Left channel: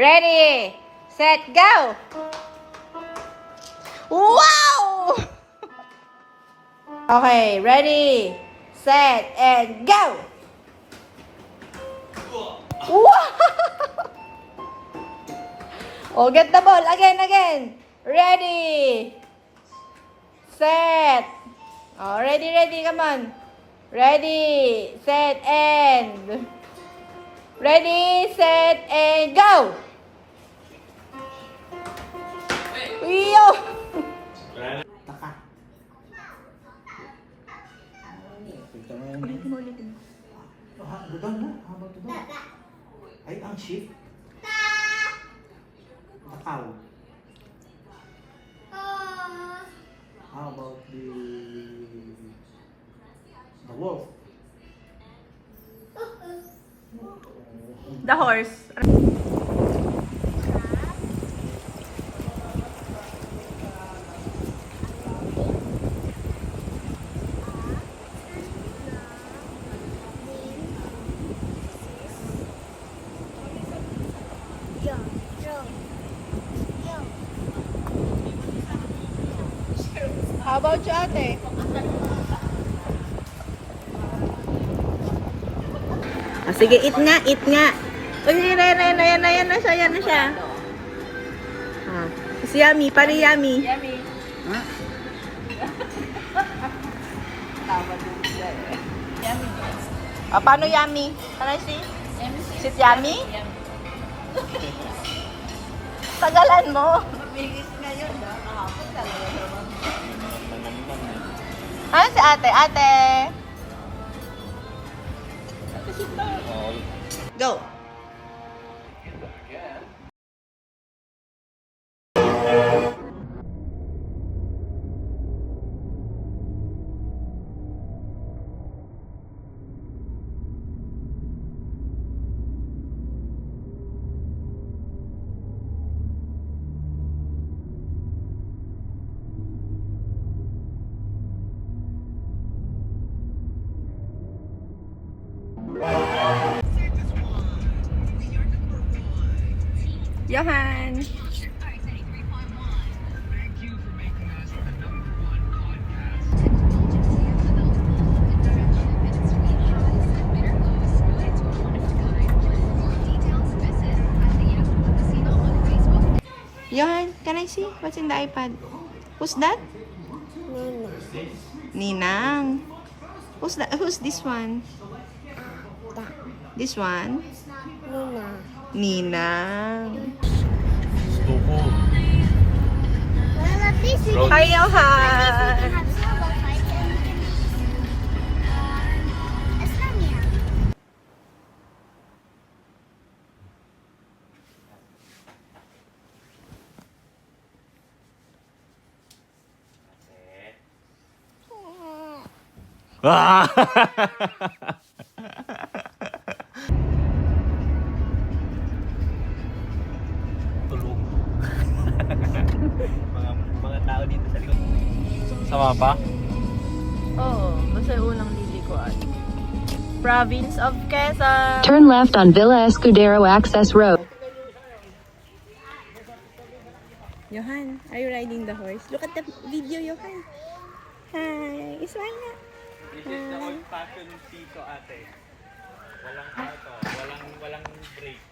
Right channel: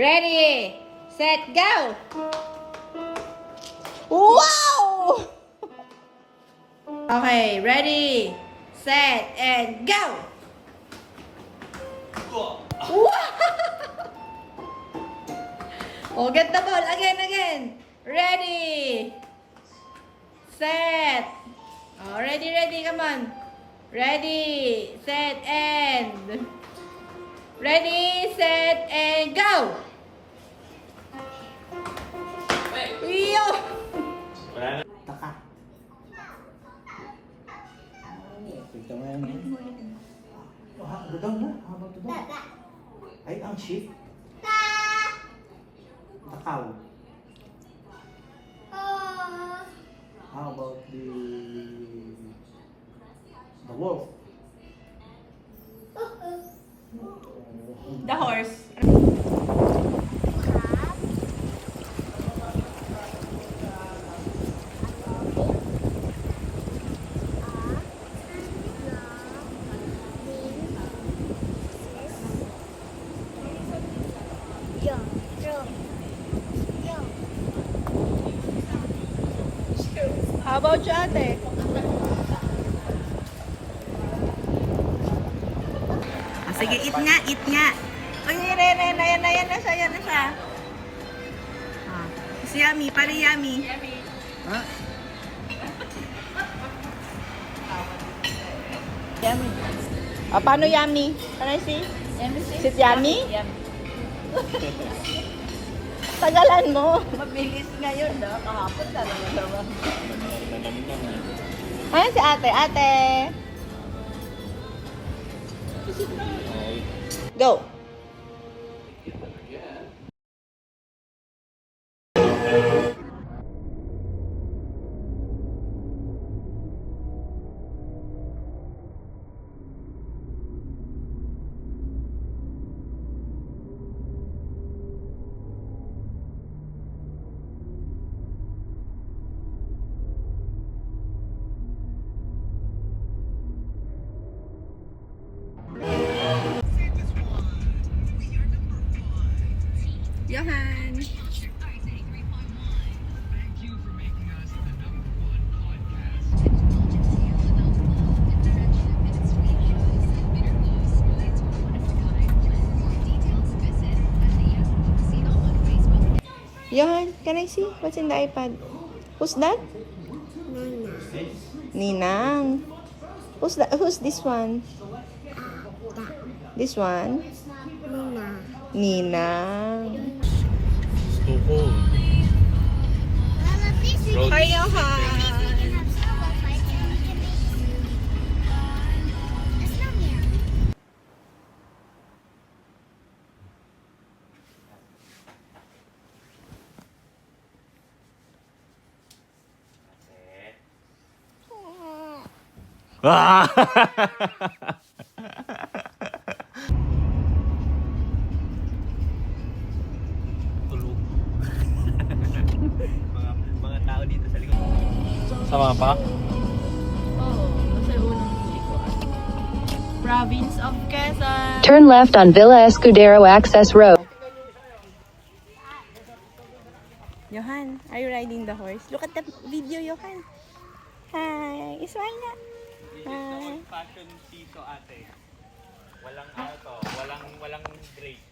Ready, set, go! Wow! Okay, ready, set, and go! Wow! Oh, get the ball. Again. Ready, set. Oh, ready, come on. Ready, set, and... Ready, set, and go! Iyo! Taka. Tignan mo yan. Doon na. Habang doon. Ay, ang shift. Takaw. How about the wolf? The horse. How about you, ate? Oh, sige, eat nga. Uy, yan na siya. Ah, si Yummy, pari Yummy. Oh, paano Yummy? Can I see? Sit Yummy? Tagalan mo. Mabilis na yun, no? Ah, si ate. Go. Johan. Johan, can I see what's in the iPad? Who's that? Ninang. Who's that? Who's this one? This one? Ninang. Hi, Johan. mga tao dito sa likod. Sama pa? Oo, basta yung unang lilikuan. Province of Quezon. Turn left on Villa Escudero Access Road. Johan, are you riding the horse? Look at the video, Johan. Hi, smile na. This is the old-fashioned piso, ate. Walang auto, walang brake.